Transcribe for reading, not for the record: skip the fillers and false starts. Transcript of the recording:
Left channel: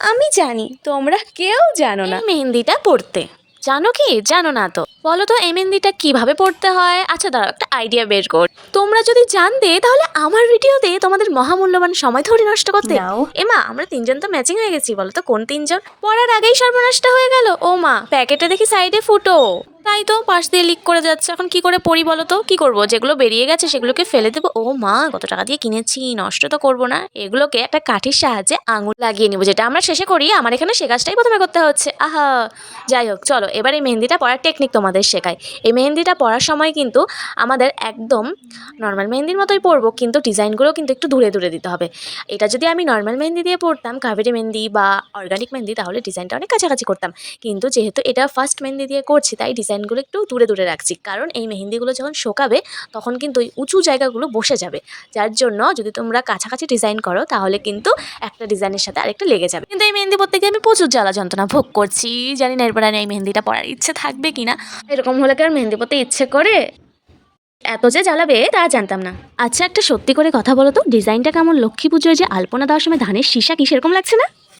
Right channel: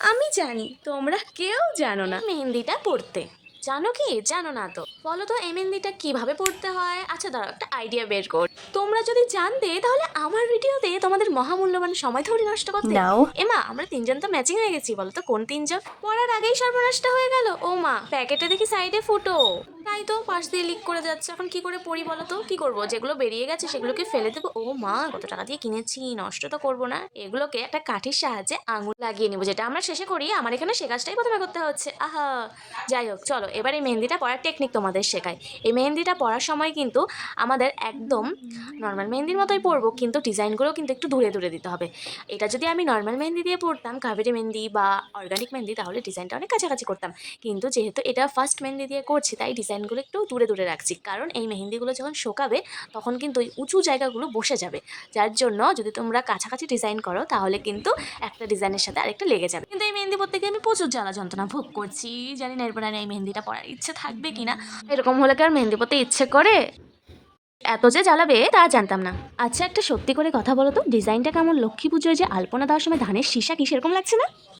আমি জানি, তোমরা কেউ জানো না। মেহেন্দিটা পড়তে জানো কি জানো না তো বলো তো, এই মেহেন্দিটা কিভাবে পড়তে হয়? আচ্ছা দাঁড়াও, একটা আইডিয়া বের কর। তোমরা যদি জানতে তাহলে আমার ভিডিওতে তোমাদের মহামূল্যবান সময় ধরে নষ্ট করতে। নাও। এমা, আমরা তিনজন তো ম্যাচিং হয়ে গেছি, বলো তো কোন তিনজন? পড়ার আগেই সর্বনাশটা হয়ে গেল। ও মা, প্যাকেটে দেখি সাইডে ফুটো, তাই তো পাশ দিয়ে লিক করে যাচ্ছে। এখন কি করে পড়ি বলো তো? কি করব? যেগুলো বেরিয়ে গেছে সেগুলোকে ফেলে দেবো? ও মা, কত টাকা দিয়ে কিনেছি, নষ্ট তো করবো না। এগুলোকে একটা কাঠির সাহায্যে আঙুল লাগিয়ে নিবো, যেটা আমরা শেষে করি। আমার এখানে সে কাজটাই প্রথমে করতে হচ্ছে। আহা, যাই হোক, চলো এবার এই মেহেন্দিটা পরার টেকনিক তোমাদের শেখাই। এই মেহেন্দিটা পরার সময় কিন্তু আমাদের একদম নর্মাল মেহেন্দির মতোই পরবো, কিন্তু ডিজাইনগুলো কিন্তু একটু দূরে দূরে দিতে হবে। এটা যদি আমি নর্মাল মেহেন্দি দিয়ে পরতাম, কাবেরি মেহেন্দি বা অর্গানিক মেহেন্দি, তাহলে ডিজাইনটা অনেক কাছাকাছি করতাম। কিন্তু যেহেতু এটা ফার্স্ট মেহেন্দি দিয়ে করছি, তাই ডিজাইনগুলো একটু দূরে দূরে রাখছি। কারণ এই মেহেন্দিগুলো যখন শোকাবে তখন কিন্তু ওই উঁচু জায়গাগুলো বসে যাবে, যার জন্য যদি তোমরা কাছাকাছি ডিজাইন করো তাহলে কিন্তু একটা ডিজাইনের সাথে আরেকটা লেগে যাবে। কিন্তু এই মেহেন্দি পরতে গিয়ে আমি প্রচুর জ্বালা যন্ত্রণা ভোগ করছি। জানি না এরপর আর এই মেহেন্দিটা পরার ইচ্ছে থাকবে কিনা। এরকম হলে কি আর মেহেন্দি পরতে ইচ্ছে করে? এত যে জ্বালাবে তা জানতাম না। আচ্ছা, একটা সত্যি করে কথা বলো তো, ডিজাইনটা কেমন লক্ষ্মী পুজোয় যে আলপনা দেওয়ার সময় ধানের শীষা কি সেরকম লাগছে না?